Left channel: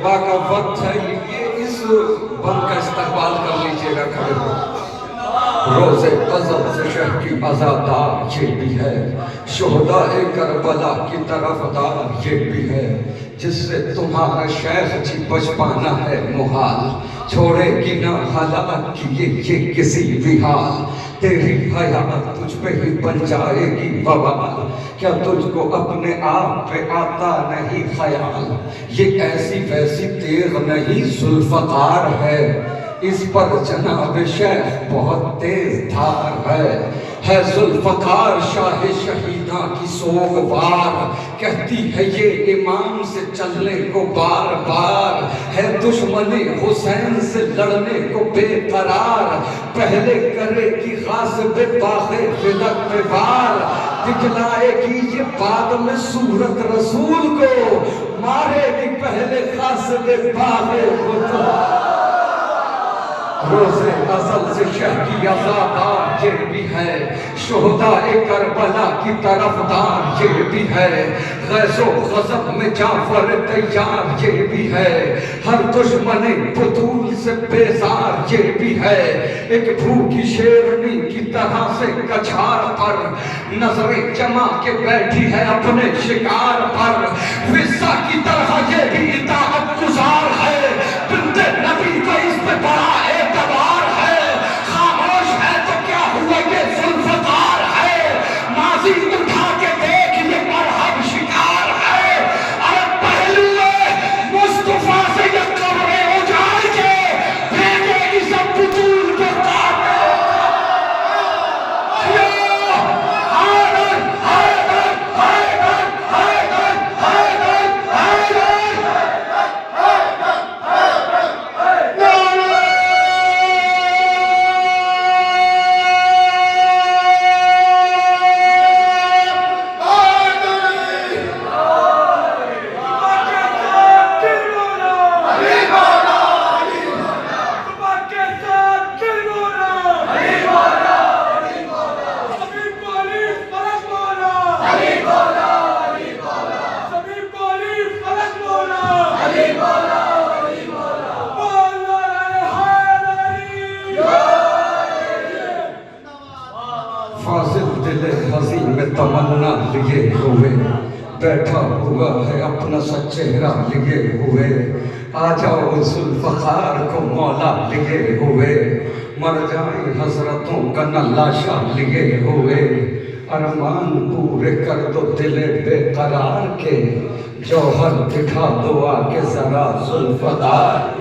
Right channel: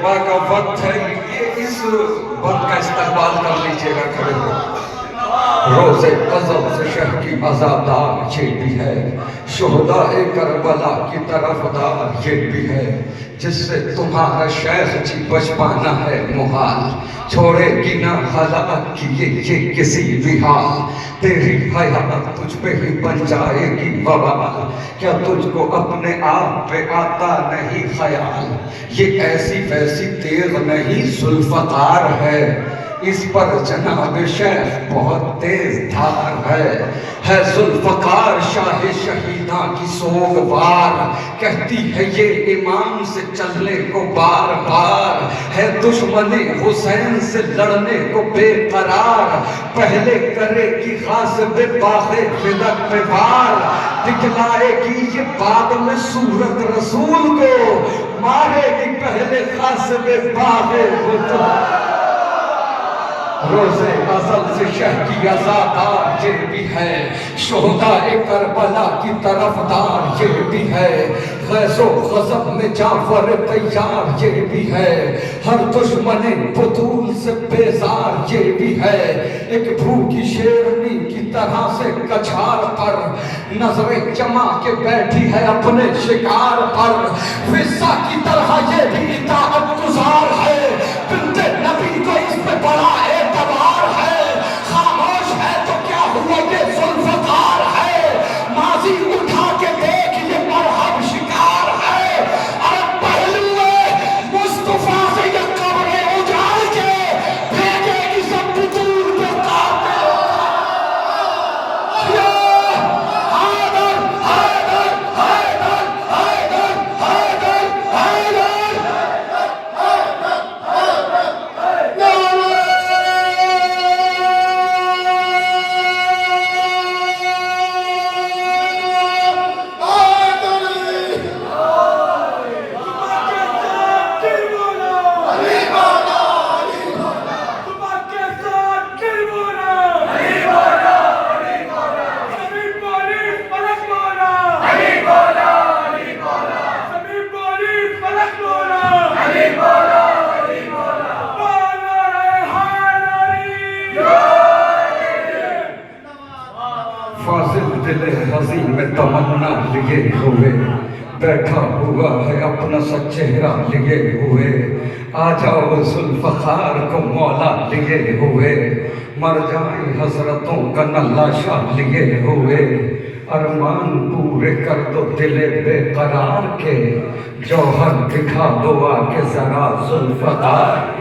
صبح کا وقت ہے، یہ اس وقت کا استقبال کر لیجئے گا کھڑے ہو۔ روز غضب سے شہ کی عزادار یہ بھی ہے، شہدائے کربلا کی طرف دار یہ بھی ہے، جس سے تمہارا شیخ جی بچ پانا ہے محال، چھوڑے گی نہ حالات کی یہ کسی بھی حال، تیری حیات تجھ پہ ہی بن جائے گی وبال، کیا تجھ کو اپنے آپ پہ آتا نہیں خیال، یہ ایسی ویسی تیغ نہیں ذوالفقار ہے، اس پر جناب شیخ بہت تیز دھار ہے ذوالفقار شاہ شہیداں کی سوگوار، کہتی ہے یہ امام سے چلنے کو بار بار، ہے دشمن حسین سے لڑنے کو بے قرار، پہلے کرے گی غاصب باغ فدق پہ وار، دکھلائے گی یہ بعد میں صورت رسول کو، مارے گی پہلے غاصب باغ فدق۔ روز ازل سے شہ کی عزادار یہ بھی ہے، شہدائے کربلا کی طرف دار یہ بھی ہے، غیظ و غضب میں جعفر تیار یہ بھی ہے، ہر دشمن بطول سے بیزار یہ بھی ہے، ایک بھوکی شیرنی کی طرح سے کچھار پر نظریں جما کے بیٹھی ہے اپنے شکار پر، وزا کی طرح یہ بھی اطاعت گزار ہے، بنت نبی کو اس پہ بڑا اعتبار ہے، خاموش ہے تو کیا ہوا یہ ذوالفقار ہے، ماضی اٹھا کے دیکھ یہ مرحب شکار ہے، ارے پہلے مصطفیٰ سے یہ قبریں اجاڑ کے بھیجے گی سب بطول پہ کاٹے، حیدر حیدر حیدر حیدر حیدر حیدر، فاضل دل حزین میں تمنا لیے ہوئے، بیٹھا ہوا ہے اپنا سا چہرہ لیے ہوئے، آ جاؤ ذوالفقار کو مولا لیے ہوئے، مر جائیں حضرتوں کا نلاشا لیے ہوئے، ارمان پورے کر دو دل بے قرار کے، جوہر دکھا دو آ کے ذرا ذوالفقار۔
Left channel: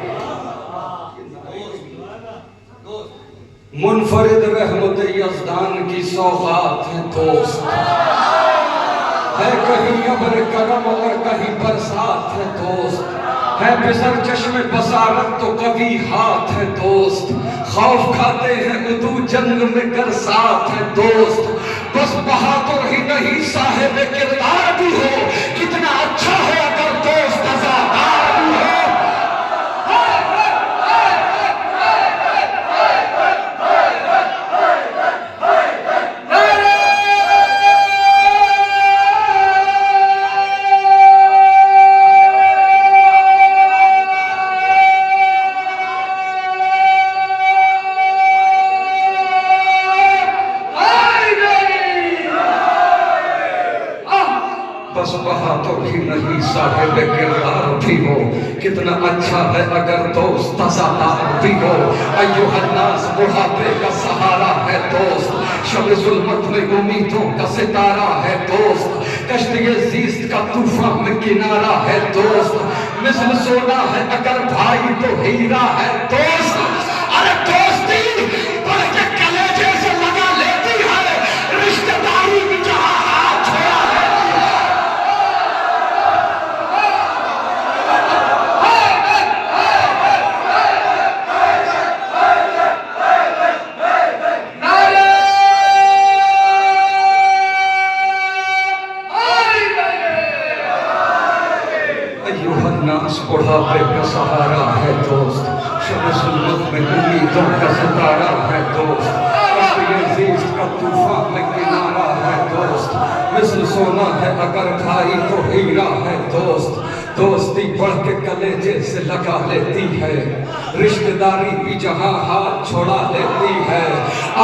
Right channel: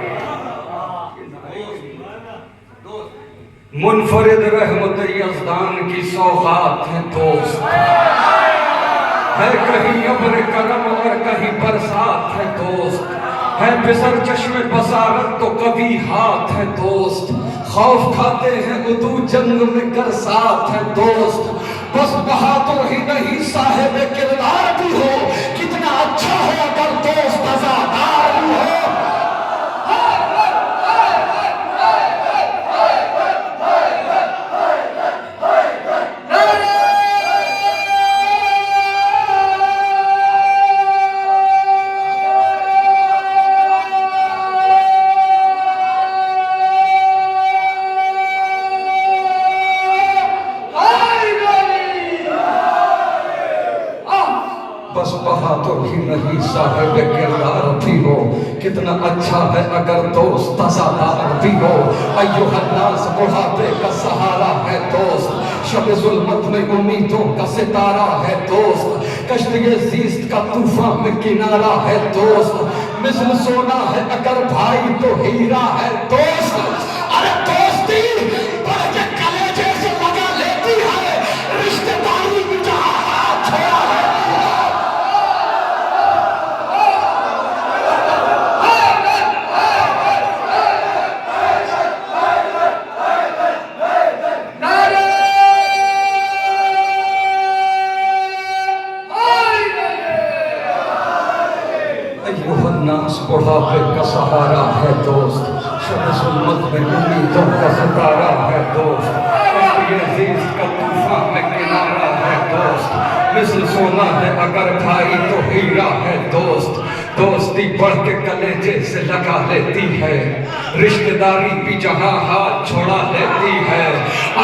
منفرد رحمت یزدان کی سوغات ہیں دوست، ہے کہیں ابر کرم اور کہیں برسات ہے دوست، ہے بزر چشم بصارت تو کبھی ہاتھ ہے دوست، خوف کھاتے ہیں عدو جنگ میں گر ساتھ ہے دوست، بس بہادر ہی نہیں صاحب کردار بھی ہو، کتنا اچھا ہے اگر دوست عزادار بھی ہو۔ بس بہادر ہی نہیں صاحب کردار بھی ہو، کتنا اچھا ہے اگر دوست عزادار بھی ہو، ایوہ الناس بڑھاپے کا سہارا ہے دوست، شب ظلمت میں امیدوں کا ستارہ ہے دوست، کشتی زیست کا طوفان میں کنارہ ہے دوست، مثل سونا ہے اگر بھائی تو ہیرا ہے دوست، ارے دوستی بڑھ کے کلیجے سے لگا لیتی ہے، رشتہ داری بھی جہاں ہاتھ چھوڑا ہے۔ الناس بڑھاپے کا سہارا ہے دوست، شب ظلمت میں امیدوں کا ستارہ ہے دوست، کشتی زیست کا طوفان میں کنارہ ہے دوست، مثل سونا ہے اگر بھائی تو ہیرا ہے دوست، دوستی بڑھ کے کلیجے سے لگا لیتی ہے، رشتہ داری بھی جہاں ہاتھ چھوڑا لیتی ہے۔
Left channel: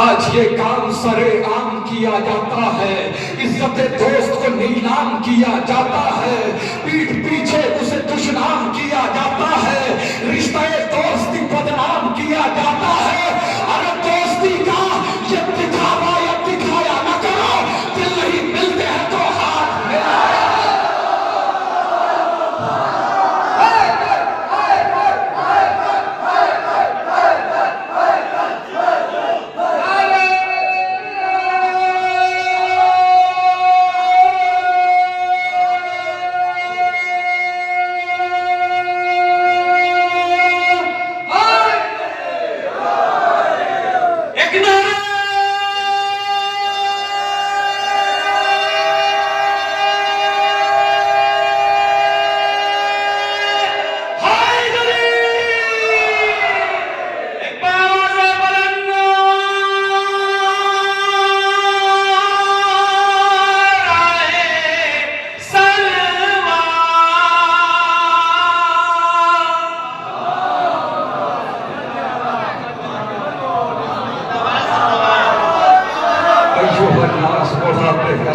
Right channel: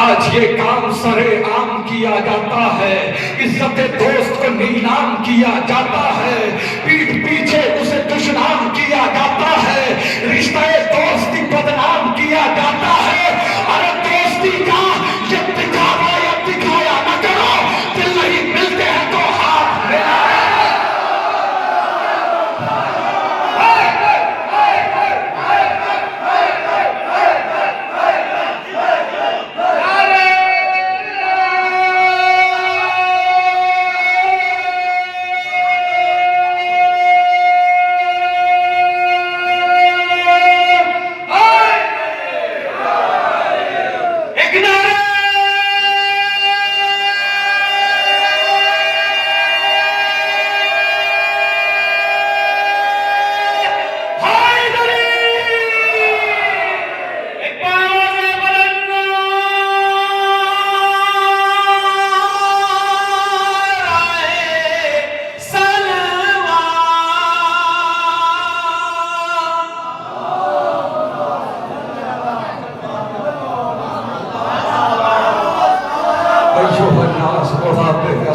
آج یہ کام سرے عام کیا جاتا ہے، عزت دوست کو نیلام کیا جاتا ہے، پیٹھ پیچھے اسے دشنام کیا جاتا ہے، رشتہ دوستی بدنام کیا جاتا ہے۔ ارے دوستی کا یہ دکھاوا یا دکھایا نہ کرو، دل نہیں ملتے ہیں تو ہاتھ ملاؤ۔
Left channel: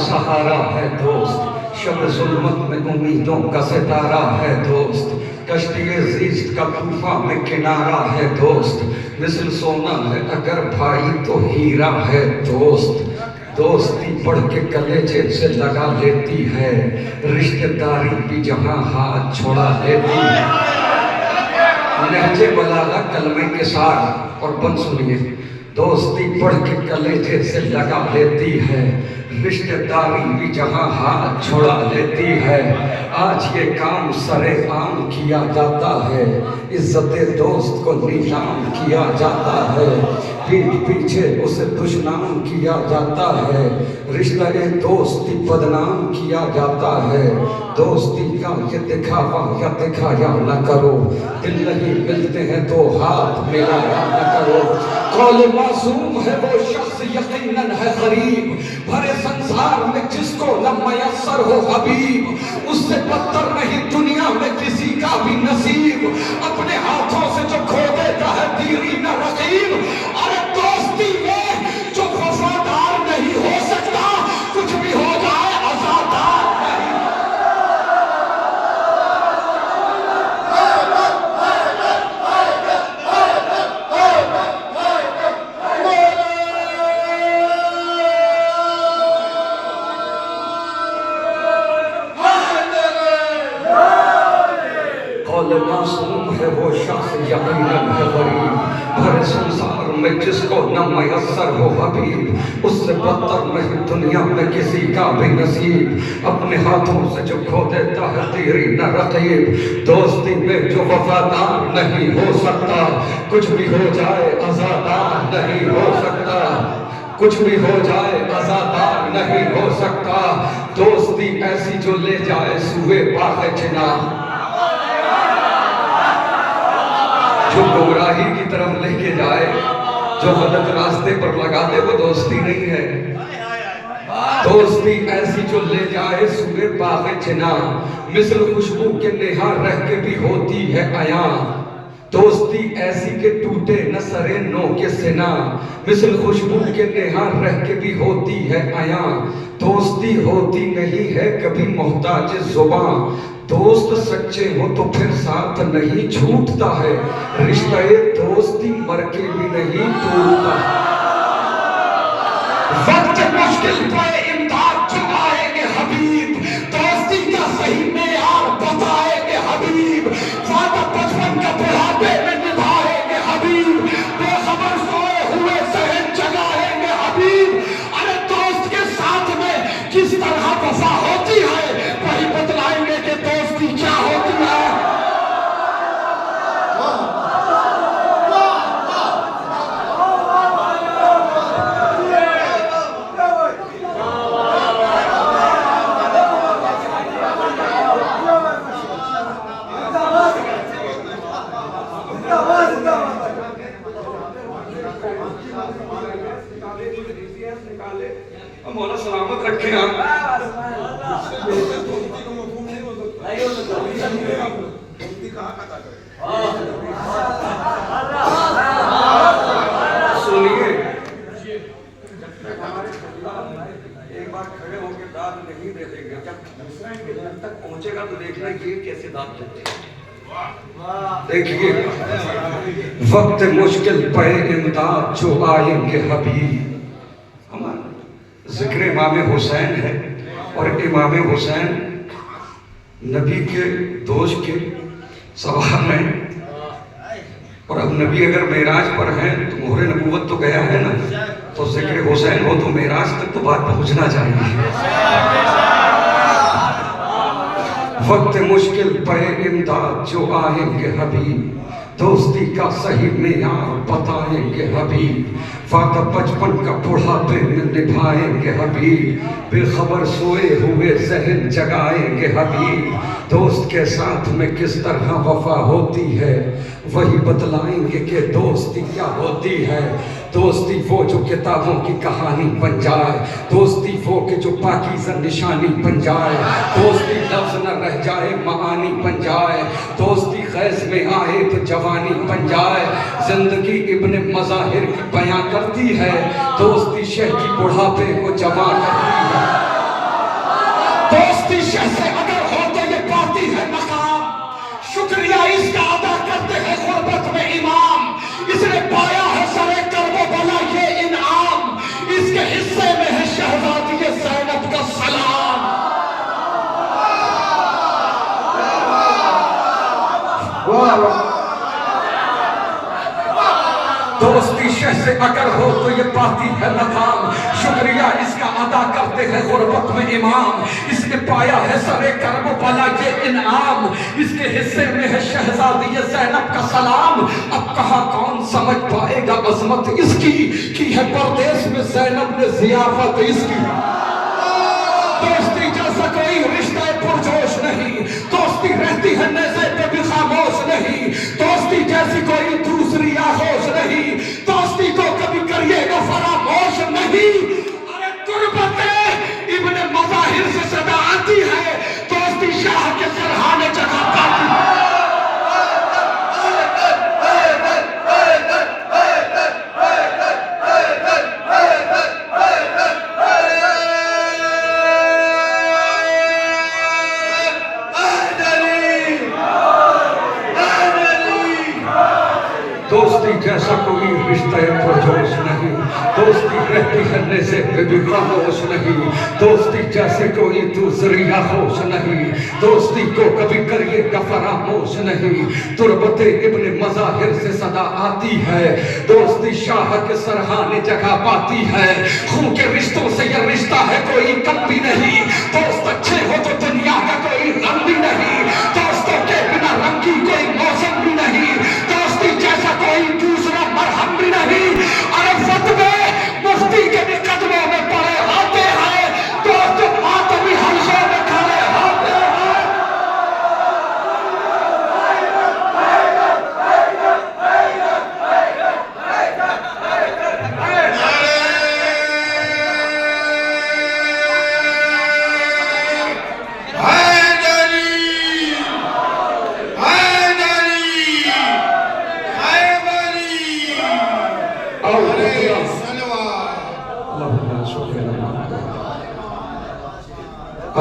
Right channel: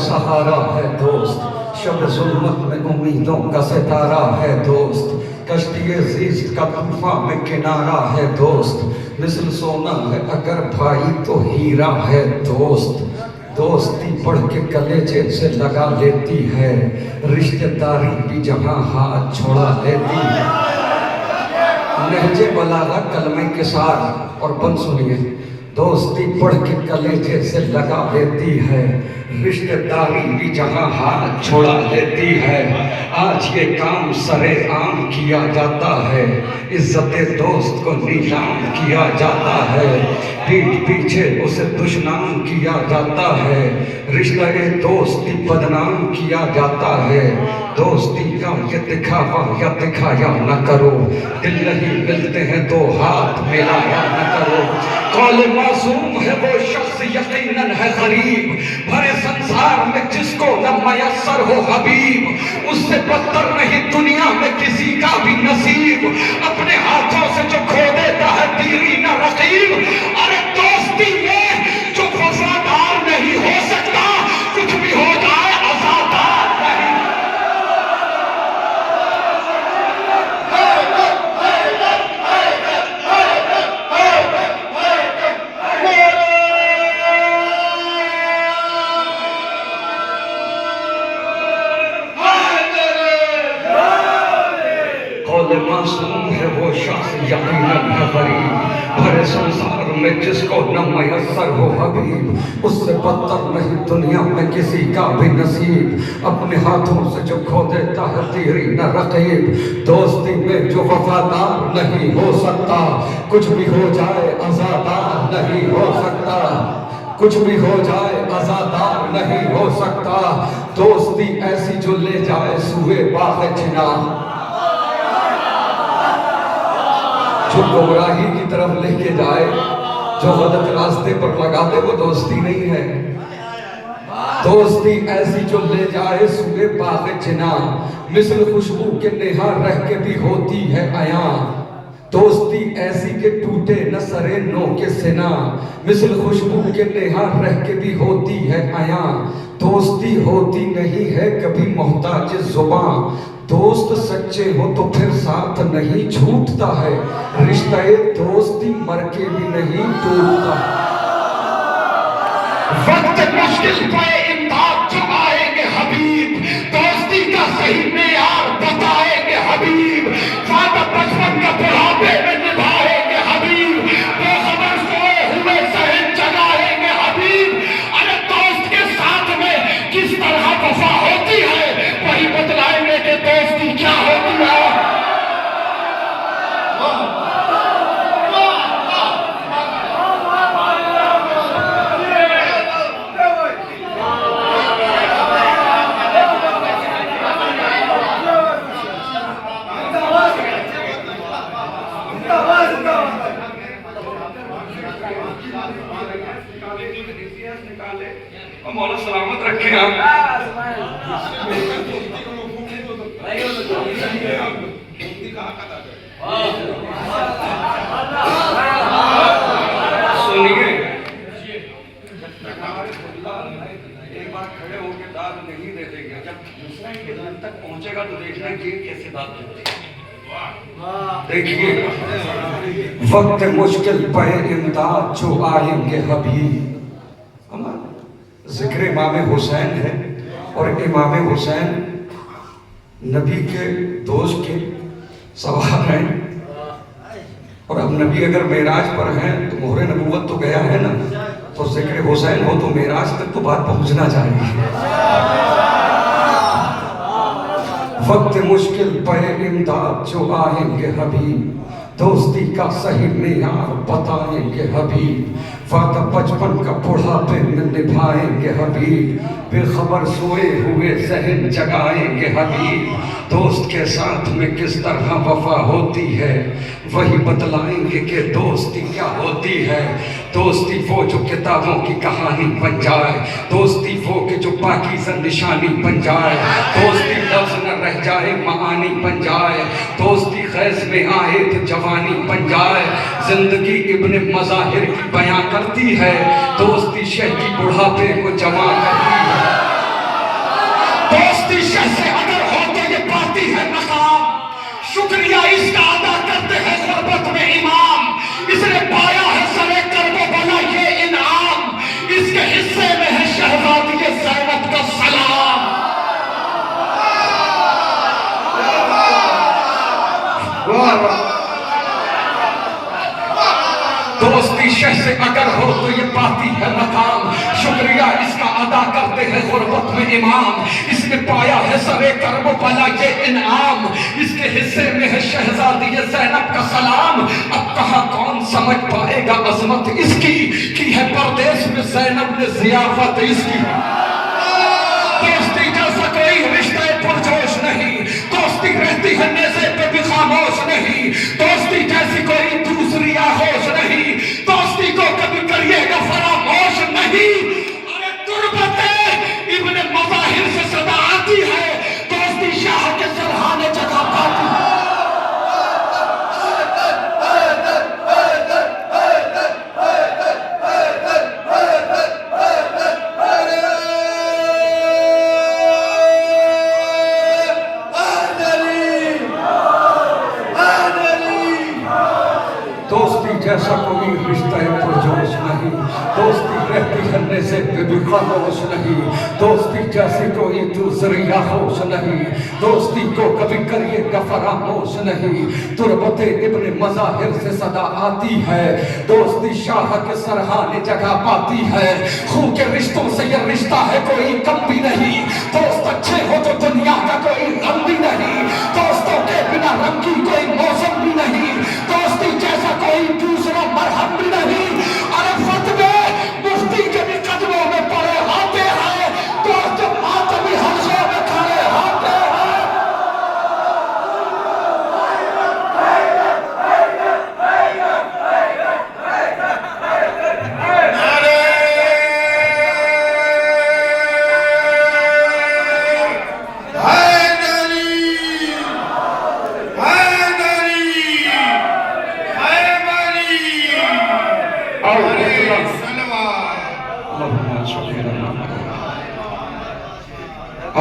سہارا ہے دوست، شب ظلمت میں امیدوں کا ستارہ ہے دوست، کشتی زیست کا طوفان میں کنارہ ہے دوست، مثل سونا ہے اگر بھائی تو ہیرا ہے دوست، دوستی بڑھ کے کلیجے سے لگا لیتی ہے، رشتہ داری بھی جہاں ہاتھ چھوڑا لیتی ہے۔ نہج بلاغہ کلمہ کے ساتھ اور بند سنیے، دوستی بڑھ کے کلیجے سے لگا لیتی ہے، رشتہ داری بھی جہاں ہاتھ چھوڑا لیتی ہے۔ آج یہ کام سرے عام کیا جاتا ہے، عزت دوست کو نیلام کیا جاتا ہے، پیٹھ پیچھے اسے دشنام کیا جاتا ہے، رشتہ دوستی بدنام کیا جاتا ہے۔ دوستی کا یہ دکھاوا یا دکھایا نہ کرو، دل نہیں ملتے ہیں تو ہاتھ ملایا نہ کرو۔ قول معصوم ہے وہ شخص یقیناً ہے غریب، بھرے سنسار میں جس کو نہ میسر ہو حبیب، اس سے بدتر نہیں دنیا میں کسی کا بھی نصیب، اپنے ہاتھوں سے جو کھو دیتا ہے دیری نہ رقیب۔ ارے دوستی میں جو وفادار نہیں ہو سکتا، کچھ بھی ہو جائے عزادار نہیں۔ قول معصوم ہے وہ شخص یقیناً ہے غریب، بھرے سنسار میں جس کو نہ میسر ہو حبیب، اس سے بدتر نہیں دنیا میں کسی کا بھی نصیب، اپنے ہاتھوں سے جو کھو دیتا ہے تیری نہ رقیب۔ دوستی میں جو وفادار نہیں ہو سکتا، کچھ بھی ہو جائے عزادار نہیں ہو سکتا، کچھ بھی ہو جائے عزادار نہیں ہو سکتا۔ دوستی ایسی جو لے جائے سوئے باغ چنار، جو گمراہی کی طرف لے کے جائے، جو غلط راستے پر لگا دے، وہ دوستی نہیں ہے۔ دوستی ایسی جو لے جائے سوئے باغ چنار، مثل خوشبو کے نہا رہ کے بھی ہوتی ہے عیاں، دوستی ایسی کہ ٹوٹے نہ سرے نو کے سنا، مثل خوشبو کے نہا رہ کے بھی ہوتی ہے عیاں، دوستی ہوتی نہیں ہے کبھی محتاج زباں، دوست سچے ہو تو پھر ساتھ نہیں چھوٹتا ہے، رشتہ دوستی مر کے بھی نہیں ٹوٹتا۔ وقت مشکل پہ امداد جو آئیں گے حبیب، دوستی کا صحیح معیار بتائیں گے حبیب، وعدہ بچپن کا بڑھاپے میں نبھائیں گے حبیب، بے خبر سوئے ہوئے ذہن جگائیں گے حبیب۔ ارے دوست کے ساتھ میں کس طرح وفا ہوتی ہے، وہی بتلائیں گے کہ دوستی کیا ہوتی ہے۔ نکالے مولا سلامت رکھے آپ. سنیے ایک بار کھڑے ہو کے داد نہیں دے دیں گے, جب دوسرا خدمت تک پہنچے گا تو دیکھنا یہ کیسے داد دیتے ہیں. دیکھیے وقت مشکل پہ امداد جو آئیں گے حبیب. ذکر امام حسین ہے اور امام حسین نبی کے دوست کے سوار ہیں, اور اب نبی اگر معراج پر ہیں تو مہر نبوت تو گیا ہے نا, تو ذکر حسین ہو تو معراج تک تو بات پہنچنا چاہیے. وقت مشکل پہ امداد جو آئیں گے حبیب, دوستی کا صحیح معیار بتائیں گے حبیب. وعدہ بچپن کا بڑھاپے میں نبھائیں گے حبیب, بے خبر سوئے ہوئے ذہن جگائیں گے حبیب. دوست کے ساتھ میں کس طرح وفا ہوتی ہے وہی بتلائیں گے کہ دوستی کیا ہوتی ہے. دوستی وہ جو کتابوں کی کہانی بن جائے, دوستی وہ کہ جو پاکیزہ نشانی بن جائے, دوستی لفظ نہ رہ جائے معانی بن جائے, دوستی خیز میں آئے تو جوانی بن جائے. زندگی ابن مظاہر کی بیان کرتی ہے, دوستی شہ کی بڑھاپے کو جوان کرتی ہے. دوستی شہ سے اگر ہو تو یہ پاتی ہے مقام, شکریہ اس کا ادا کرتے ہیں غربت میں امام. اس نے پایا ہے سرے کربلا یہ انعام, اس کے حصے میں ہے شہزادی زینب کا سلام. دوستی شہ سے اگر ہو تو یہ پاتی ہے مقام, شکریہ اس کا ادا کرتے ہیں غربت میں امام. اس نے پایا ہے سرے کربلا یہ انعام, اس کے حصے میں ہے شہزادی زینب کا سلام. اب کہاں کون سمجھ پائے گا عظمت اس کی ہے پردیس میں زینب نے ضیافت اس کی. دوستی جیسا کوئی رشتہ پرجوش نہیں, دوستی رہتی ہے نیزے پہ بھی خاموش نہیں, دوستی جیسی کوئی دوسری آغوش نہیں, دوستی کو کبھی کریے گا فراموش نہیں. ارے تربت ابن مظاہر سے صدا آتی ہے, دوستی شاہ کے سرحانے جگہ پاتی ہے. دوستی جیسا کوئی رشتہ پرجوش نہیں, دوستی رہتی ہے نیزے پہ بھی خاموش نہیں, دوستی جیسے کوئی دوسری آغوش نہیں, دوستی کو کبھی کریے گا فراموش نہیں. تربت ابن مظاہر سے صدا آتی ہے, دوستی شاہ کے سرحانے جگہ پاتی ہے. خون کے رشتوں سے یہ رشتہ ہے کوئی کم بھی نہیں, دوست اچھے ہو تو دنیا کا کوئی غم بھی نہیں, دوستوں کے بنا رنگ کی کوئی موسم بھی نہیں, دوستی جیسا کوئی دوسرا مرہم بھی نہیں. ارے فتوے مفتی کے بھی قدموں میں پڑے ہوتے ہیں, دوست ماتمی حلقوں میں کھڑے ہوتے ہیں.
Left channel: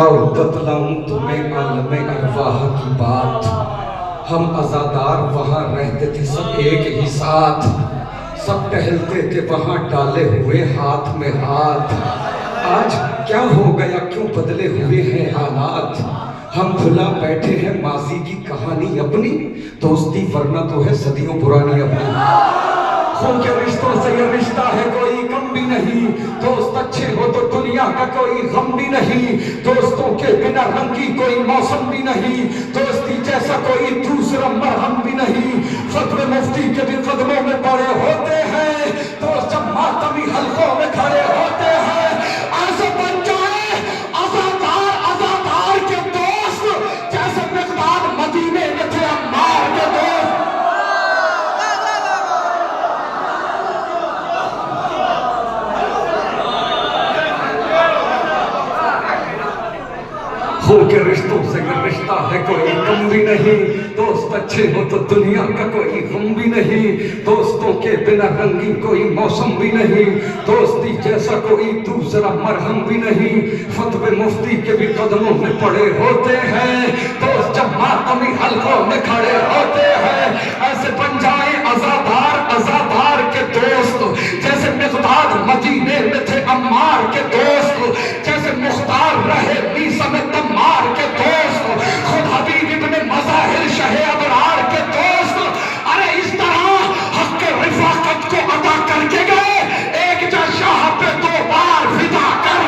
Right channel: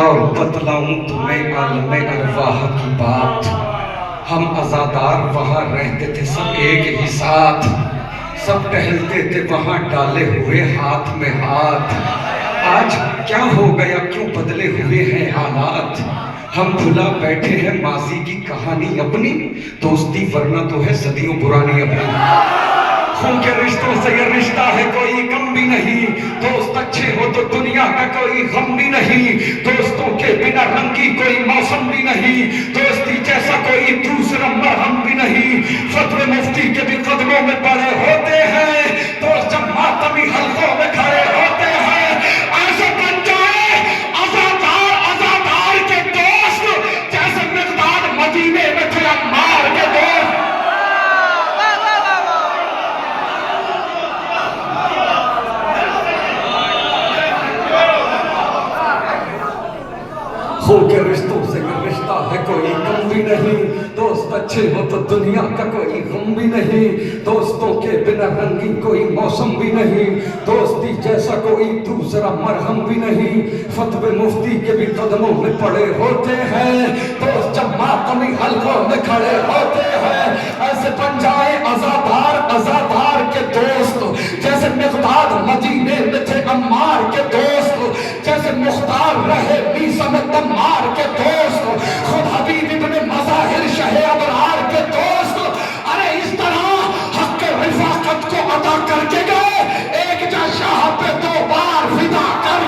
اور بتلاؤں تمہیں عالم ارواح کی بات, ہم عزادار وہاں رہتے تھے سب ایک ہی ساتھ, سب ٹہلتے تھے وہاں ڈالے ہوئے ہاتھ میں ہاتھ. آج کیا ہو گیا, کیوں بدلے ہوئے ہیں حالات, ہم بھلا بیٹھے ہیں ماضی کی کہانی اپنی, دوستی ورنہ تو ہے صدیوں پرانی اپنی. خون کے رشتوں سے یہ رشتہ ہے کوئی کم بھی نہیں, دوست اچھے ہو تو دنیا کا کوئی غم بھی نہیں, دوستوں کے بنا رنگ کی کوئی موسم بھی نہیں, دوستی جیسا کوئی دوسرا مرہم بھی نہیں. فتوے مفتی کے بھی قدموں میں پڑے ہوتے ہیں, دوست جب ماتمی حلقوں میں کھڑے ہوتے ہیں. ایسے بن جائے عزادار کے دوست جیسے مقداد مدینے میں تھے عمار کے دوست. خو کے رشتوں سے یہ رشتہ ہے کوئی کم بھی نہیں، دوست اچھے ہو تو دنیا کا کوئی غم بھی نہیں، دوستوں کے بنا رنگی کوئی موسم بھی نہیں، دوستی جیسا کوئی دوسرا مرہم بھی نہیں، فتوے مفتی کے بھی قدموں میں پڑے ہوتے ہیں، دوست جب ماتمی حلقوں میں کھڑے ہوتے ہیں، ایسے بن جائیں عزادار کے دوست، جیسے مقداد مدینے میں تھے عمار کے دوست، جیسے مختار رہے میسا میں تمار کے دوست، خود حبیب ابن مظاہر شہ ابرار کے دوست، ارے اس طرح حق کے رفاقت کو عطا کر کے گئے، ایک جا شاہ پہ دو بار فدا کر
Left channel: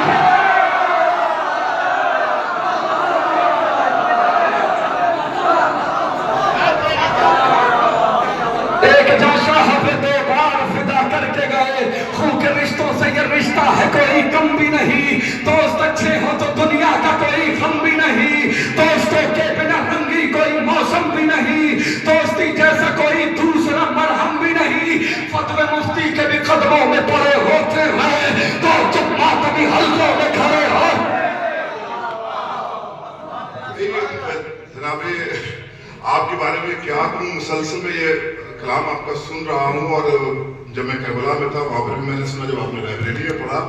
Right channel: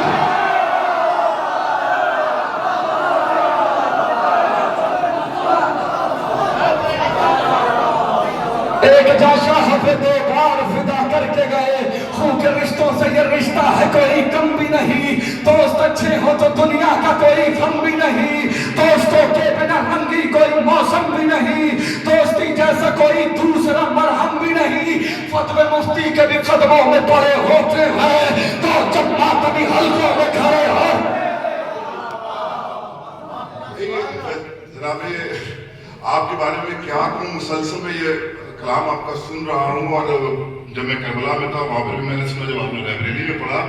رشتہ ہے کوئی کم بھی نہیں، دوست اچھے ہو تو دنیا کا کوئی غم بھی نہیں، دوستوں کے بنا رنگی کوئی موسم بھی نہیں، دوستی جیسا کوئی دوسرا مرہم بھی نہیں، فتوے مفتی کے بھی قدموں میں پڑے ہوتے ہیں، تو جب ماتمی حلقوں میں کھڑے ہو جناب آپ کے بارے میں کیا کہوں، مسلسل میں یہ کلام آپ کا سن رہا ہوں، اور جب میں کربلا میں تھا وہاں پر بھی میں نے سنا، جب آپ نے لائبریری میں پڑھا،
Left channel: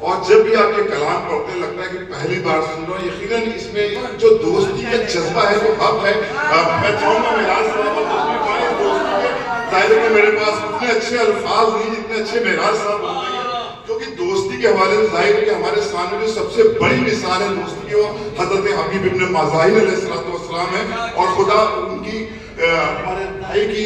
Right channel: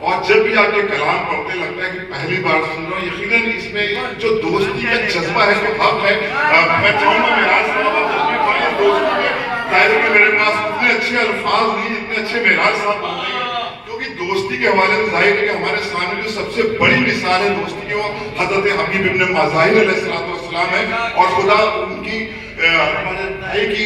اور جب بھی آپ کے کلام پڑھتے لگتا ہے کہ پہلی بار سن رہا ہوں۔ یقیناً اس میں جو دوستی کا جذبہ ہے وہ حق ہے۔ میں چاہوں گا معراج صاحب آپ تشریف لائیں دوستی میں، ظاہر ہے کہ میرے پاس اتنے اچھے الفاظ نہیں جتنے اچھے معراج صاحب بولتے ہیں، کیونکہ دوستی کے حوالے سے ظاہر ہے کہ ہمارے سامنے جو سب سے بڑی مثال ہے دوستی کی وہ حضرت حبیب ابن مظاہر علیہ السلام ہے، اور خدا ان کی ہمارے بھائی کی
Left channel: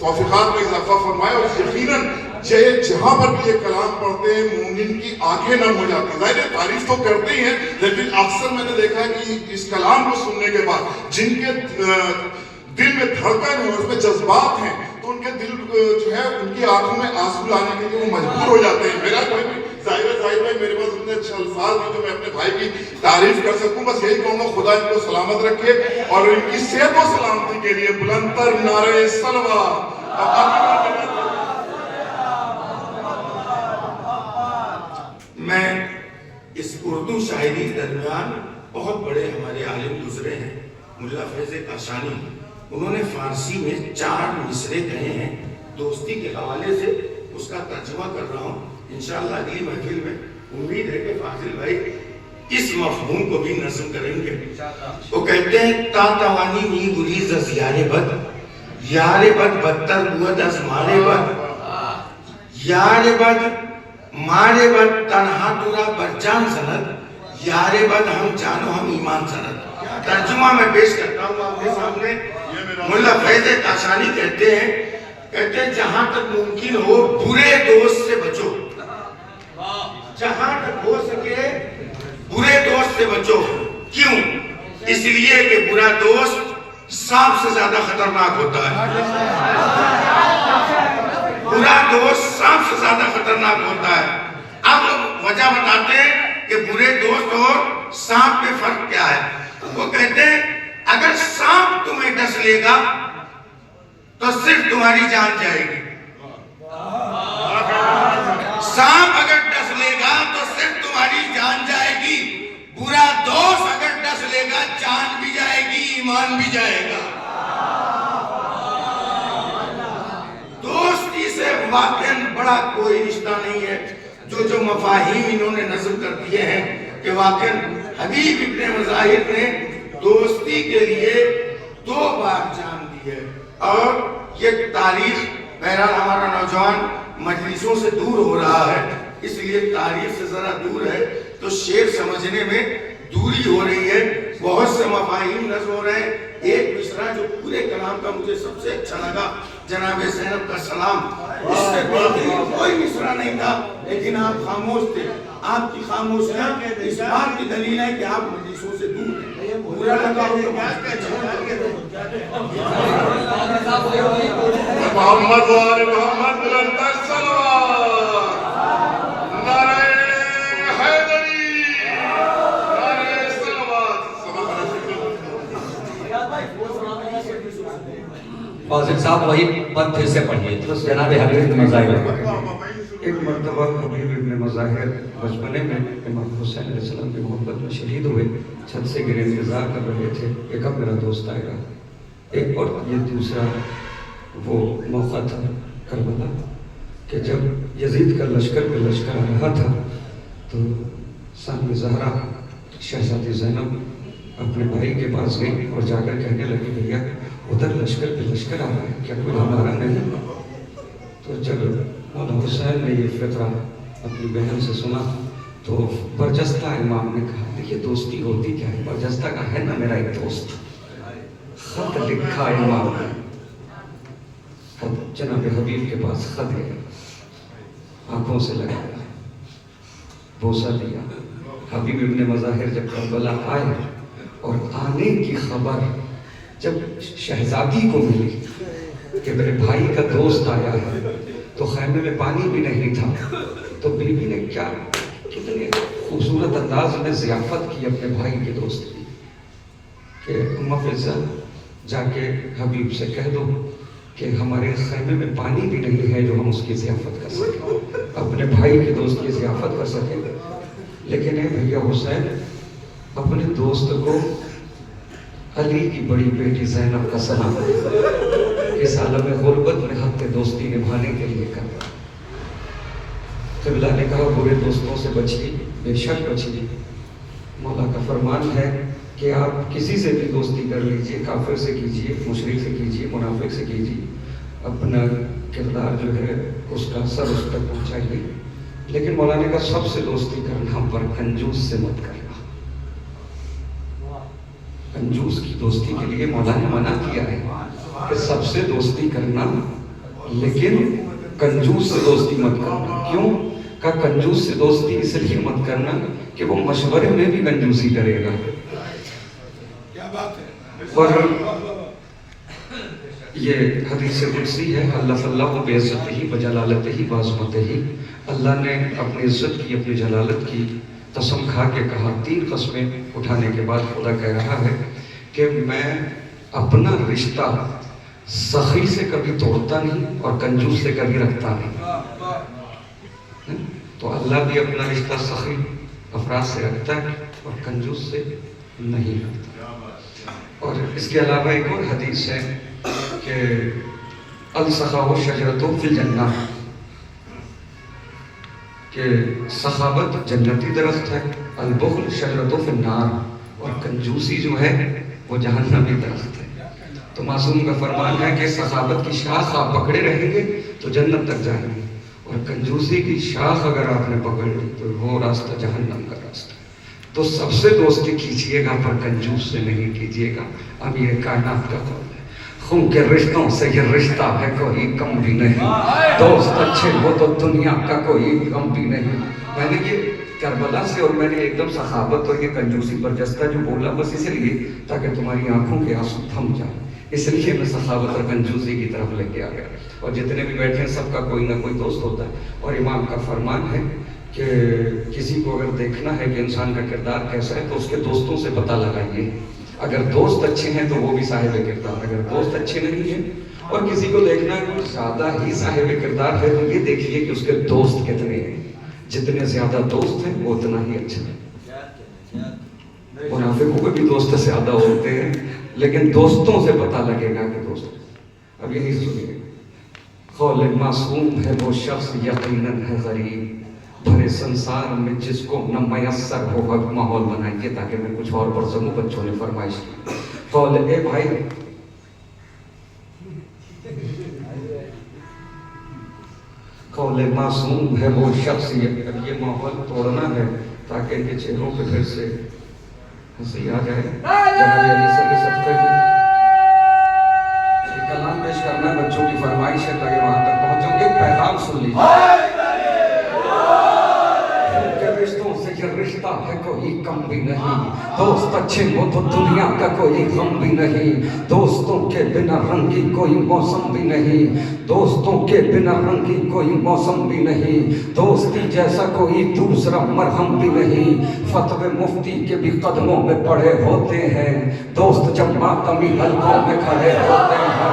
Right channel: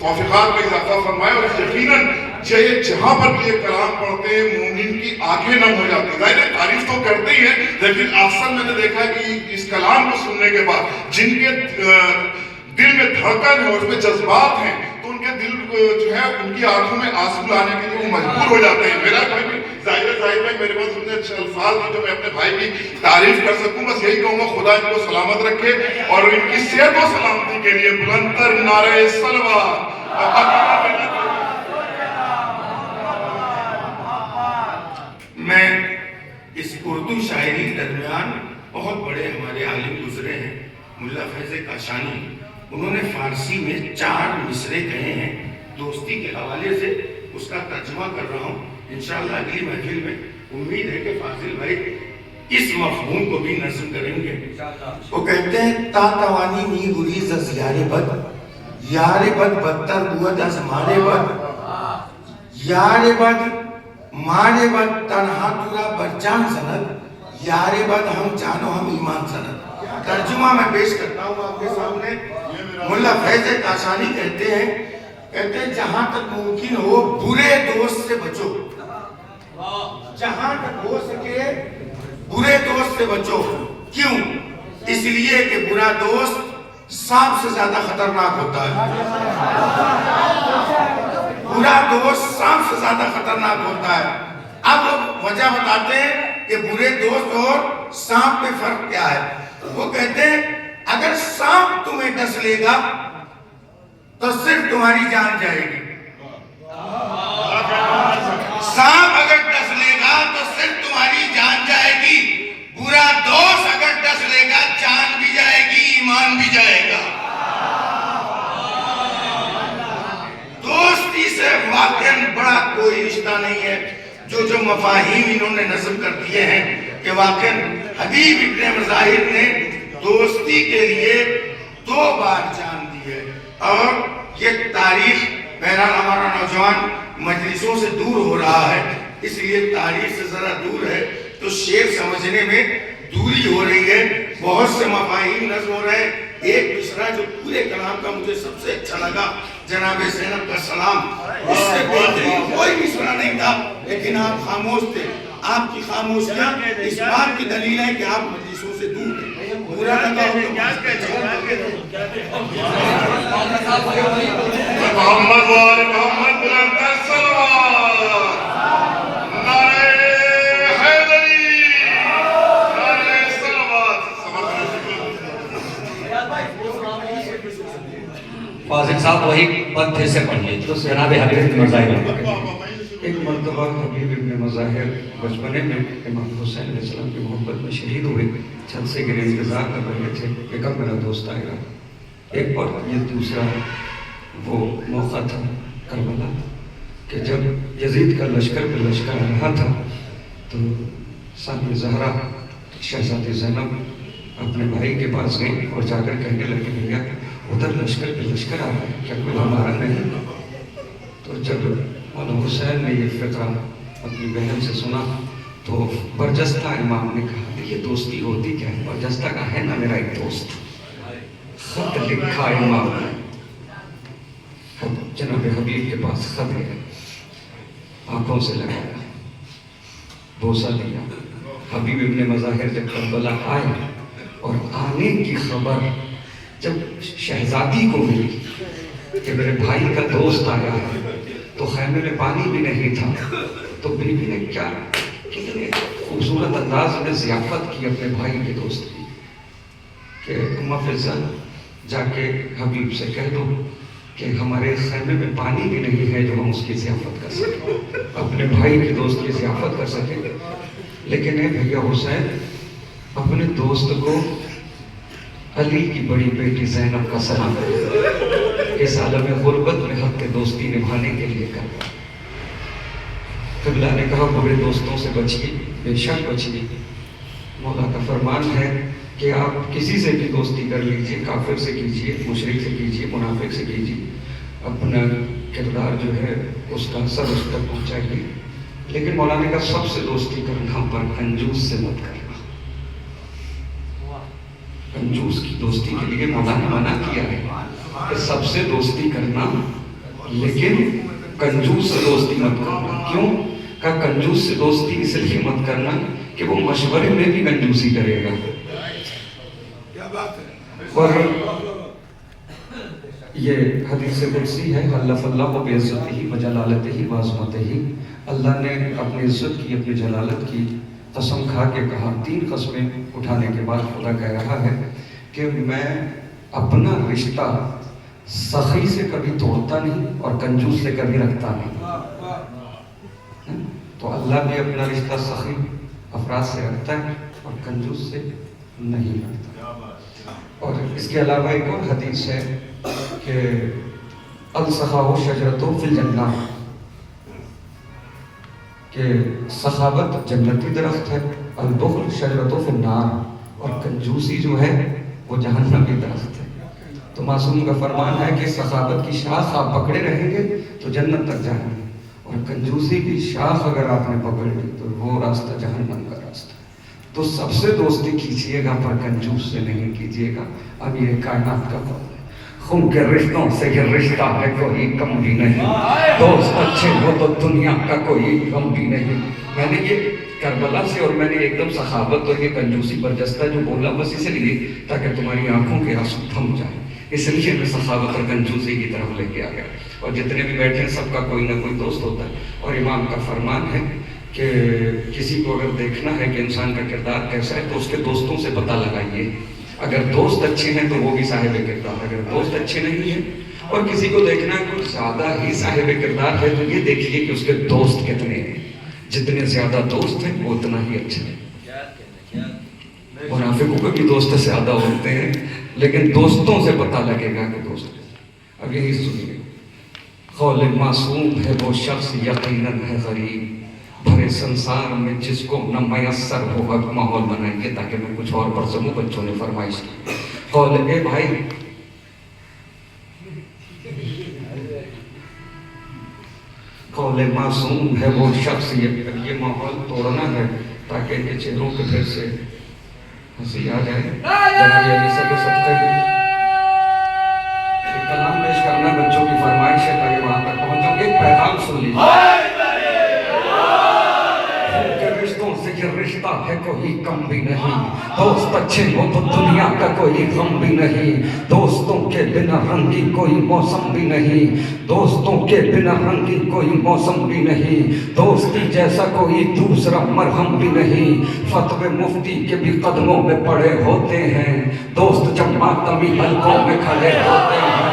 توفیقات میں اضافہ فرمائے، اور یقیناً جہاں پر بھی یہ کلام پڑھتے ہیں مومن کی آنکھیں نم ہو جاتی ہیں۔ ظاہر ہے تعریف تو کرتے ہی ہیں، لیکن اکثر میں نے دیکھا کہ اس کلام کو سننے کے بعد جن کے دل میں دھڑکن ہے، اس میں جذبات ہیں، تو ان کے دل جو ہے ان کی آنکھوں میں آنسو لانے کے لیے وہ مجبور ہو جاتے ہیں۔ میرا کوئی بھی ظاہر ہے میرے پاس اتنے اچھے الفاظ ہیں جو میں اپنے بھائی کی تعریف کر سکوں، بس یہی کہوں گا خدا ان کو سلامت رکھے اور ان کی صحت و سلامتی کے لیے بلند تر نعرہ صلوات۔ میں اس اردو شاعری درمیان بہت بڑے ہمارے عالم گزرے ہیں، ملا فیض کاشانی، انہوں نے فارسی میں 4 مصرے کہے ہیں دوستی کے حوالے سے، اس کا ترجمہ کر رہا ہوں انشاءاللہ اگلی محفل میں۔ امید ہے کہ فاضل بھائی اس مفہوم کو بھی نظم کریں گے۔ وہ کہتے ہیں تا توانی نی گریز از یار بد، یار بد بدتر بود از مار بد، یار بد مارے بد تنہا تورا برجان سند، یار بد ہم جانو ہم ایمان سند۔ ترجمہ میں پیش کرتا ہوں آپ کے سامنے۔ ملا فیض کاشانی کہتے ہیں جہاں تک ممکن ہو برے دوست سے بچو، جہاں تک ہو سکے برے دوست سے بچو۔ کیوں؟ اس لیے کہ برا دوست سانپ سے زیادہ خطرناک ہوتا ہے۔ برا دوست سانپ سے زیادہ خطرناک ہوتا ہے۔ اب وجہ بتاتے ہیں کہ برے دوست اور سانپ میں فرق کیا ہے۔ وہ کہتے ہیں اگر سانپ تمہیں ڈس لے گا تو صرف تمہاری جان جائے گی، سانپ اگر ڈس لے گا تو صرف تمہاری جان جائے گی، برا دوست اگر ڈس لے گا جان بھی جائے گی ایمان بھی جائے گا۔ دوستی سے واقعاً بڑا کوئی رشتہ نہیں ہے۔ جو مفاہیم انہوں نے نظم کر دیے ہیں کہ واقعاً حبیب ابن مظاہر نے دوستی کے لیے 2 بار جان دی ہے، اور یہ تاریخ بہرحال ہمارا نوجوان مجلسوں سے دور ہو رہا ہے، اس لیے تاریخ سے ذرا دور ہے تو شعر سمجھنے میں دوری ہو رہی ہے، بہت سے مفاہیم نظم ہو رہے ہیں۔ ایک مصرع جو پورے کلام کا مجھے سب سے اچھا لگا، جناب زینب کا سلام، اس سے بہترین کوئی مصرع نہیں تھا، لیکن آپ خاموش تھے۔ آپ کی خاموشیاں اس بات کی دلیل ہے کہ آپ مجلسوں سے دور ہیں۔ برا لگا ہو تو محمد وال محمد بلند صلوات، نعرہ حیدری، نعرہ صلوات۔ فاضل صاحب وہی پد پھر سے پڑھیے جناب حبیب ابن مظاہر۔ ایک مرتبہ حبیب ابن مظاہر بچپنے میں امام حسین علیہ السلام کی محبت میں شہید ہوئے، چھت سے گرے، انتظار کر رہے تھے کہ کب میرا دوست آئے گا۔ ایک اور یہ دوسرا وہ موقع تھا کربلا کہ جب یزید کا لشکر پہ لشکر آ رہا تھا تو سامنے زہرا شہزادی زینب اپنے بھائی کے پاس گئی اور جا کر کہنے لگی بھیا ادھر لشکر پہ لشکر آ رہا ہے، کیا کوئی ہمارا نہیں؟ تو جب مولانا حسین نے یہ فقرہ اپنی بہن سے سنا تو برجستہ امام نے کہا دیکھیے دوستی ہوتی کیا ہے، برجستہ کا ہے نا میرا ایک دوست، خط لکھا امام نے، جناب حبیب کے پاس خط ہے، آنکھوں سے لگایا، بوسہ دیا۔ حبیب ابن مظاہر جب کربلا آئے اور آنے کی خبر جب شہزادی کو ملی کہ میرے بھائی کا دوست آیا ہے، تو خیمے میں پانی بھی نہیں تھا، تو بی بی نے کیا کتنے خوبصورت انداز میں ضیافت کی اپنے بھائی کے دوست کی کہ اماں فضل جا کے حبیب سے کہہ دو کہ ہمارے خیمے میں پانی بھی نہیں ہے جو ہم اس کی ضیافت کر سکیں، اپنے بھائی کے دوست کی ضیافت کر سکیں۔ لیکن اے بھیا حسین اپنے دوست کو علی کی بڑی بیٹی زینب کا سلام اس عالم غربت میں حق دوستی نبھانے کے لیے کر۔ قبلہ نے کہا برے دوستوں سے بچیے، بے شک بچیے، مولا کا فرمان ہے کہ آپ کسی سے بھی دوستی کر لیجئے، کافر سے کیجئے، مشرک سے کیجئے، منافق سے کیجئے، اپنا کردار جو ہے اس کا سر اس تک پہنچائیے، لیکن مولا نے کہا سب سے دوستی کرنا پر کنجوس سے مت کرنا۔ کنجوس کی دوستی کے لیے مولا نے منع کیا ہے کہ سب سے دوستی کرنا لیکن کنجوس سے دوستی مت کرنا۔ کیوں؟ کہا کنجوس سے دوستی اس لیے مت کرنا کہ وہ مشورے میں بھی کنجوسی کرے گا۔ اور یہ حدیث قدسی ہے، حلف اللہ بعزتہ وجلالتہ وعظمتہ، اللہ نے اپنی عزت کی، اپنی جلالت کی قسم کھا کے کہا، 3 قسمیں اٹھانے کے بعد خدا کہہ رہا ہے کہ میں اپنا رشتہ سخی سے کبھی توڑتا نہیں اور کنجوس سے کبھی رکھتا نہیں۔ تو اللہ بھی اپنا رشتہ سخی افراد سے رکھتا ہے اور کنجوس سے نہیں رکھتا۔ اور اس کے علاوہ ایک اور حدیث ہے کہ السخاء شجرۃ فی الجنہ، کہ سخاوت جنتی درخت ہے، البخل شجرۃ فی النار، اور کنجوسی جو ہے وہ جہنمی درخت ہے۔ تو معصوم کا فرمان ہے کہ سخاوت کی شاخ آپ پکڑے رہیں گے تو جنت تک جائیں گے، اور کنجوسی کی شاخ اگر آپ نے پکڑ لی تو وہ راستہ جہنم کا راستہ ہے۔ تو سب سے دوستی کیجئے گا پر کنجوس سے نہیں کیجئے گا۔ اب یہ کائنات کا قول ہے، خون کے رشتوں سے یہ رشتہ ہے کوئی کم بھی نہیں، دوست اچھے ہو تو دنیا کا کوئی غم بھی نہیں۔ میں نے یہ کربلا سے اور میں نے ایک دم سخاوت اور یہ کنجوسی برجستہ جو بولا بس اس لیے تاکہ تمہاری آنکھوں کے آنسو تھم جائیں، اس لیے میں سخاوت اور کنجوسی کی طرف لے کے آ گیا۔ اور جتنے بھی بیٹھے ہیں سب کا کوئی نہ کوئی دوست ہوتا ہے، اور امام کا فرمان ہے کہ کسی کو اگر دیکھنا ہے کہ انسان کا کردار کیسا ہے تو اس کے دوستوں سے پتہ لگائیے۔ اگر دوست اچھے ہیں تو وہ بھی صاحب کردار، اگر دوست اچھے نہیں ہیں اور کسی کو دیکھنا ہے کہ زیادہ ہی صاحب کردار ہے تو یہ دیکھیے کہ اس کے دوست کتنے ہیں، جتنے زیادہ دوست ہیں وہ اتنا ہی اچھا ہے۔ منافقوں کے بھی دوست زیادہ ہوتے ہیں لیکن دوستوں سے پتہ لگے گا کہ دوست۔ اب یہی سنیے، قول معصوم ہے وہ شخص یقیناً ہے غریب، بھرے سنسار میں جس کو نہ میسر ہو۔ اب ماحول بنائیے تاکہ میں کچھ اور پڑھ سکوں، بچوں نے فرمائش کی۔ قول اے بھائی، قول معصوم ہے وہ شخص، یہ ماحول توڑنا ہے تاکہ ان کے چہروں پہ پھر سے ہنسی آ جائے۔ جناب علی صاحب کے صدقے میں ایک کلام پیش کرنا ہے، بچوں کی فرمائش ہے تاکہ وہاں تک پہنچوں۔ ایک پیغام سن لیجیے، رشتہ ہے کوئی کم بھی نہیں، دوست اچھے ہو تو دنیا کا کوئی غم بھی نہیں، دوستوں کے بنا رنگی کوئی موسم بھی نہیں، دوستوں کے بنا رنگی کوئی موسم بھی نہیں، دوستی جیسا کوئی دوسرا مرہم بھی نہیں، فتوے مفتی کے بھی قدموں میں پڑے ہوتے ہیں، دوست جب ماتمی حلقوں میں کھڑے ہوتے ہیں۔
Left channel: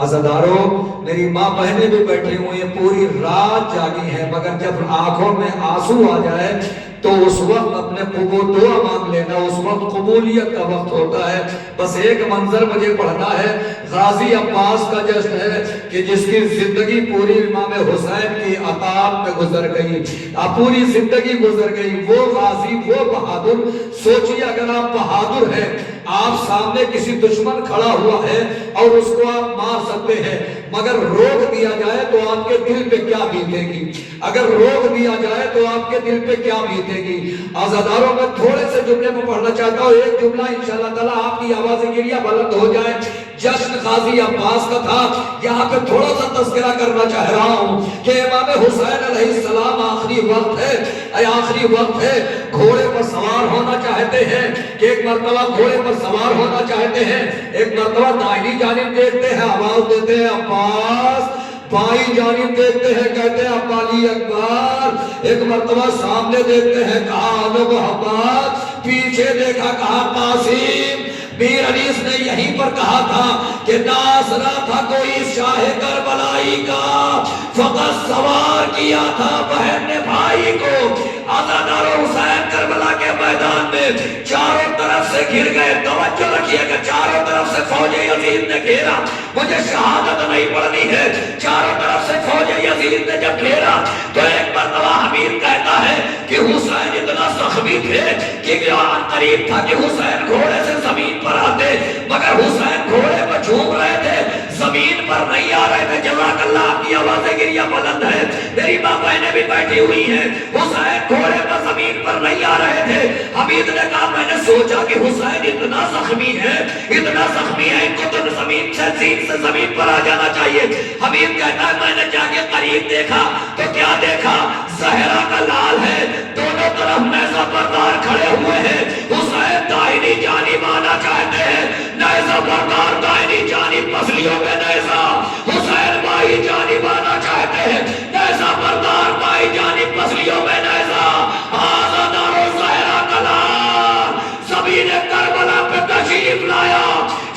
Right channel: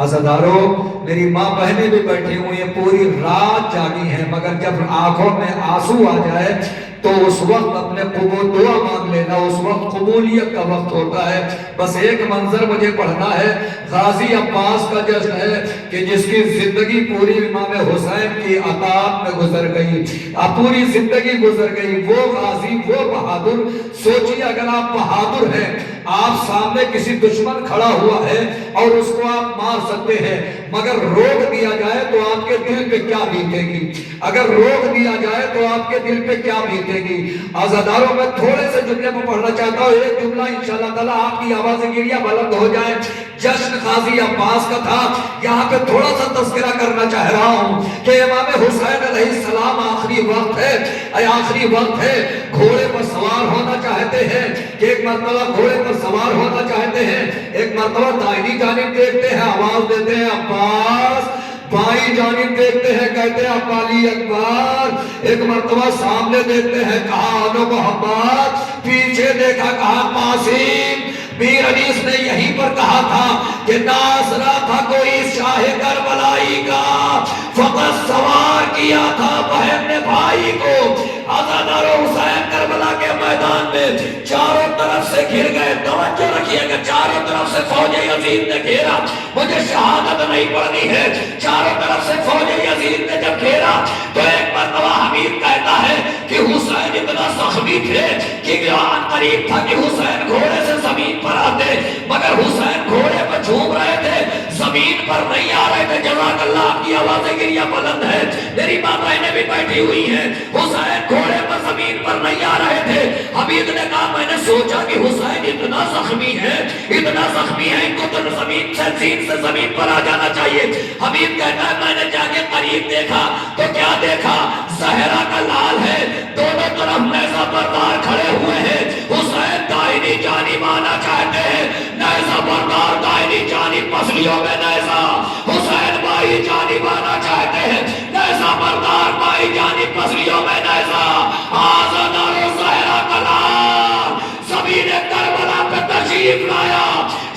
عزاداروں میری ماں بہنیں بھی بیٹھی ہوئی ہیں پوری رات جاگی ہیں مگر جب آنکھوں میں آنسو آ جائے تو اس وقت اپنے دعا مانگ لینا اس وقت قبولیت کا وقت ہوتا ہے بس ایک منظر مجھے پڑھنا ہے غازی عباس کا جشن ہے کہ جس کی زندگی پوری امام حسین کی عطاعت میں گزر گئی پوری زندگی گزر گئی وہ غازی وہ بہادر سوچیے اگر آپ بہادر ہیں آپ سامنے کسی دشمن کھڑا ہوا ہے اور اس کو آپ مار سکتے ہیں مگر روک دیا جائے تو آپ کے دل پہ کیا بیتے گی اگر روک دیا جائے تو آپ کے دل پہ کیا بیتے گی عزاداروں میں تھوڑے سے جملے میں پڑھنا چاہتا ہوں ایک جملہ انشاءاللہ تعالیٰ آپ کی آواز گریہ بلند ہو جائے جشن غازی عباس کا تھا یہاں پہ تھوڑا سا تذکرہ کرنا چاہ رہا ہوں کہ امام حسین علیہ السلام آخری وقت ہے گھوڑے پر سوار ہونا چاہتے ہیں کہ ایک مرتبہ گھوڑے پر سوار ہونا چاہتے ہیں ایک مرتبہ دائنی جانب دیکھتے ہیں آواز دیتے ہیں عباس بائیں جانب دیکھتے ہیں کہتے ہیں علی اکبر ایک مرتبہ سامنے دیکھتے ہیں کہا انو محمد پیچھے دیکھا کہا قاسم میر انیس نے یہیں پر کہا تھا کہ ناصرہ تھا کوئی شاہ کربلائی کا فقط سوار کیا تھا بہن نے بھائی کو عزادار حسین کربلا کے میدان میں چاروں طرف سے گھر گئے توجہ رکھیے کہ چاروں طرف سے فوج یزید نے گھیرا مجھے شہادت نہیں پڑھنی ہے چاروں طرف سے فوج یزید نے جب گھیرا تو ایک مرتبہ حمید کہتا ہے کہ حسین اتنا زخمی تھے کہ آن قریب تھا کہ حسین گھوڑے سے زمین پر آتے مگر حسین گھوڑے پر جھوم رہے تھے زمین پر نہیں آ رہے تھے جزاک اللہ آپ کی آوازیں گریہ بلند ہے میری ماں بہنیں بھی بیٹھی ہوئی ہیں حسین گھوڑے پر زمین پر نہیں آ رہے تھے حمید نے کہا میں نے سوچا کہ حسین اتنا زخمی ہے ان کو تو زمین سے زمین پر آ جانا چاہیے حمید کہتا ہے میں نے جا کے قریب دیکھا تو کیا دیکھا زہرا کا لال ہے دونوں طرف نیزہ بردار کھڑے ہوئے ہیں حسین دائنی جانب آنا چاہتے ہیں نیزہ بردار دائنی جانب پسلیوں میں نیزہ حسین بائیں جانب آنا چاہتے ہیں نیزہ بردار بائیں جانب پسلیوں میں نیزہ عزادار زہرا کا لال زمین کربلا پہ تشریف لایا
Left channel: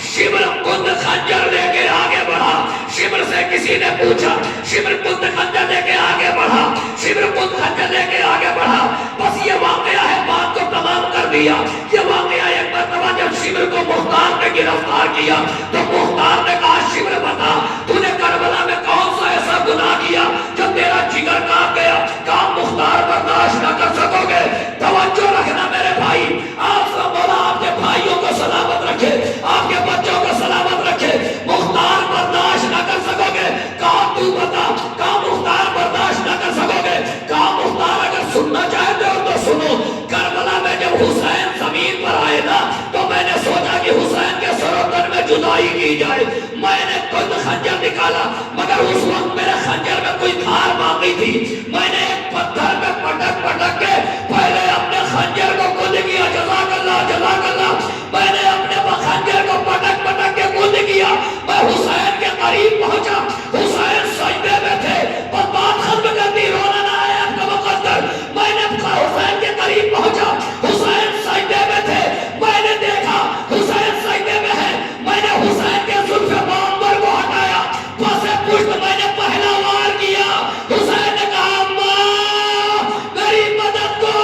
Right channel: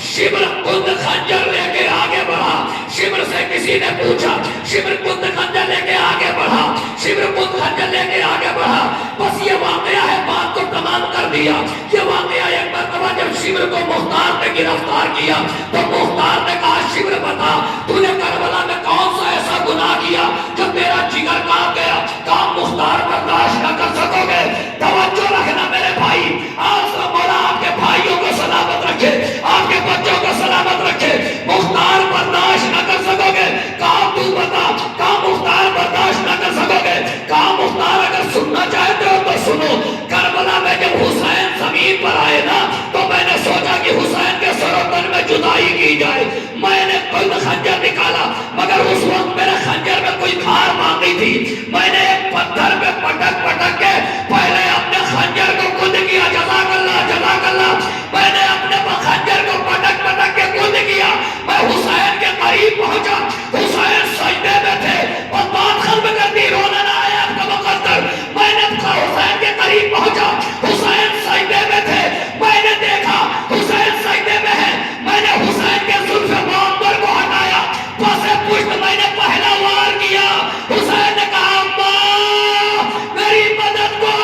شبر کند خنجر لے کے آگے بڑھا شبر سے کسی نے پوچھا شبر کند خنجر لے کے آگے بڑھا شبر کند خنجر لے کے آگے بڑھا بس یہ واقعہ ہے بات کو تمام کر دیا یہ واقعہ ایک مرتبہ جب شبر کو مختار نے گرفتار کیا تو مختار نے کہا شبر بتا تو نے کربلا میں کون سا ایسا گناہ کیا جو تیرا جگر کام گیا کام مختار برداشت نہ کر سکو گے توجہ رکھنا میرے بھائی آپ کا مولا آپ کے بھائیوں کو سلامت رکھے آپ کے بچوں کو سلامت رکھے مختار برداشت نہ کر سکو گے کہا تو بتا کہا مختار برداشت نہ کر سکو گے کہا مختار اگر سننا چاہتے ہو تو سنو کربلا میں جب حسین زمین پر آئے نا تو میں نے سوچا کہ حسین کے سر و تن میں جدائی کی جائے میں نے کوئی خنجر نکالا مگر اس وقت میرے خنجر میں کوئی دھار باندھی تھی میں نے ایک پتھر پہ پٹک کے پہلے اپنے خنجر کو کود کیا جزاک اللہ میں نے اپنے خنجر کو پٹک کے کود کیا میں حسین کے قریب پہنچا حسین سجدے میں تھے پر بات ختم کر دی رونا نہ آیا آپ کا مقدر میں نے حسین کے قریب پہنچا حسین سجدے میں تھے میں نے دیکھا حسین سجدے میں ہے میں نے حسین کے زلف معمر کو ہٹایا پاسے پشت میں نے پہلا وار کیا حسین نے کہا اماں میری مدد کو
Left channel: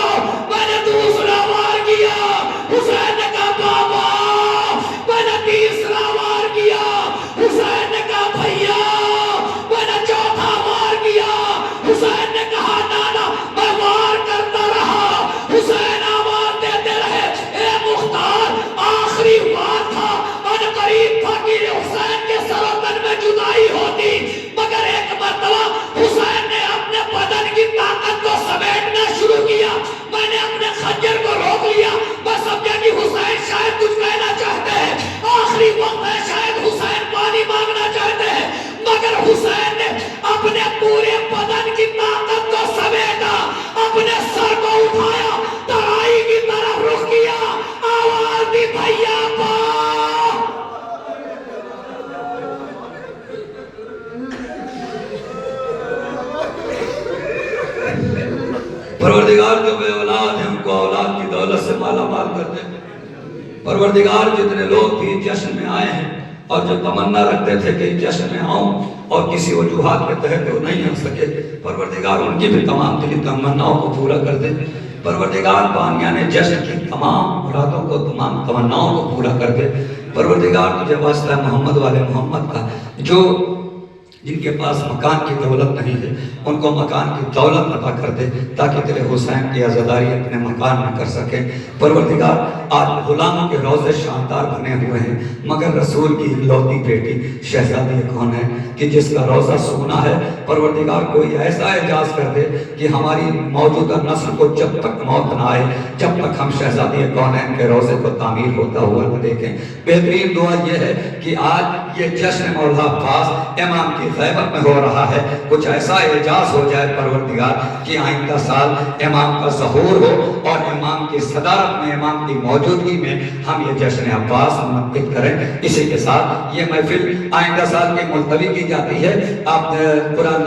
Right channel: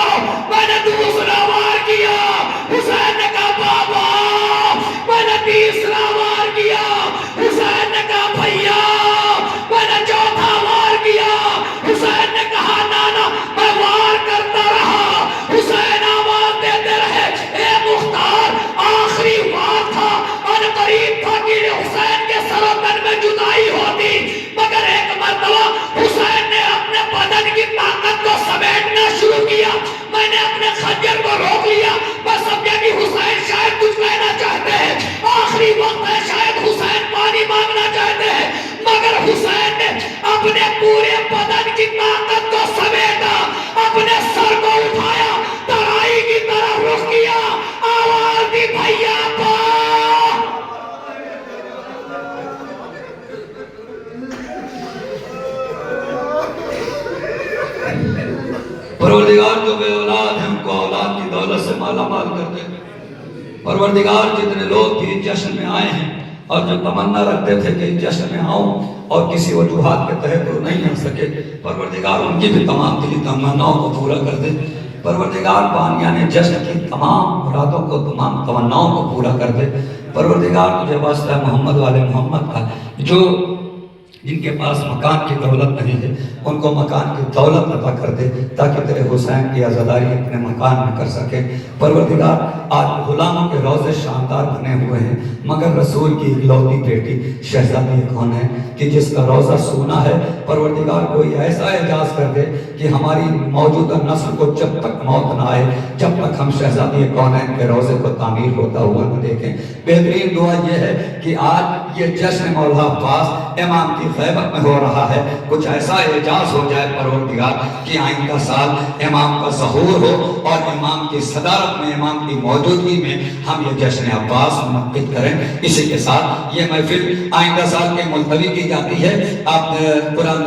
میں نے دوسرا وار کیا حسین نے کہا بابا میں نے تیسرا وار کیا حسین نے کہا بھیا میں نے چوتھا وار کیا حسین نے کہا نانا میں وار کرتا رہا حسین آواز دیتے رہے اے مختار آخری وار تھا ان قریب تھا کہ حسین کے سر و تن میں جدائی ہوتی مگر ایک مرتبہ حسین نے اپنے بدن کی طاقت کو سمیٹنا شروع کیا میں نے اپنے خنجر کو روک لیا میں سمجھا کہ حسین شاید کچھ کہنا چاہتے ہیں آخری وقت ہے شاید حسین پانی مانگنا چاہتے ہیں مگر حسین نے اپنے پورے بدن کی طاقت کو سمیٹا اپنے سر کو اٹھایا ترائی کی طرف رخ کیا آواز دی بھیا پا پروردگار جو بے اولاد ہیں ان کو اولاد کی دولت سے مالا مال کر دے پروردگار جتنے لوگ بھی جشن میں آئے ہیں اور جو تمنا رکھتے تھے کہ جشن میں آؤں اور کسی وجوہات کے تحت وہ نہیں آ سکے، پروردگار ان کی بھی تمام دلی تمناؤں کو پورا کر دے۔ پروردگار بانیہ نے جشن کی تمام مرادوں کو، تمام تمناؤں کو پورا کر دے۔ پروردگار تجھے واسطہ ہے محمد والے محمد کا، جو جن کے پاس مکان کی دولت نہیں ہے ان کو مکان کی دولت عطا کر دے تاکہ تیرے حسین کی عزاداری اپنے مکان میں کر سکے۔ پروردگار آج غلاموں کے روضے شاندار بنے ہوئے ہیں، مگر رسول کی اکلوتی بیٹی شہزادی کون ہے کہ جس کا روضہ سونا ہے؟ پروردگار کوئی ایسا اعجاز کر دے کہ ہماری موجودہ نسل کو جب تک موت نہ آئے، جب تک ہم شہزادی کونین کے روضے کو تعمیر ہوتا ہوا نہ دیکھیں۔ بہترین دعا یہ ہے کہ آج یہ جشن مولا عباس امام کی غیبت میں ہو رہا ہے، کچھ ایسا اعجاز ہو جائے پروردگار کہ آئندہ سال امام کا ظہور ہو اور امام کی صدارت میں، امام کی موجودگی میں ہم یہ جشن عباس منعقد کریں۔ اسی کے ساتھ یہ محفل آئندہ سال کے ملتوی کی جاتی ہے۔ آپ قرآن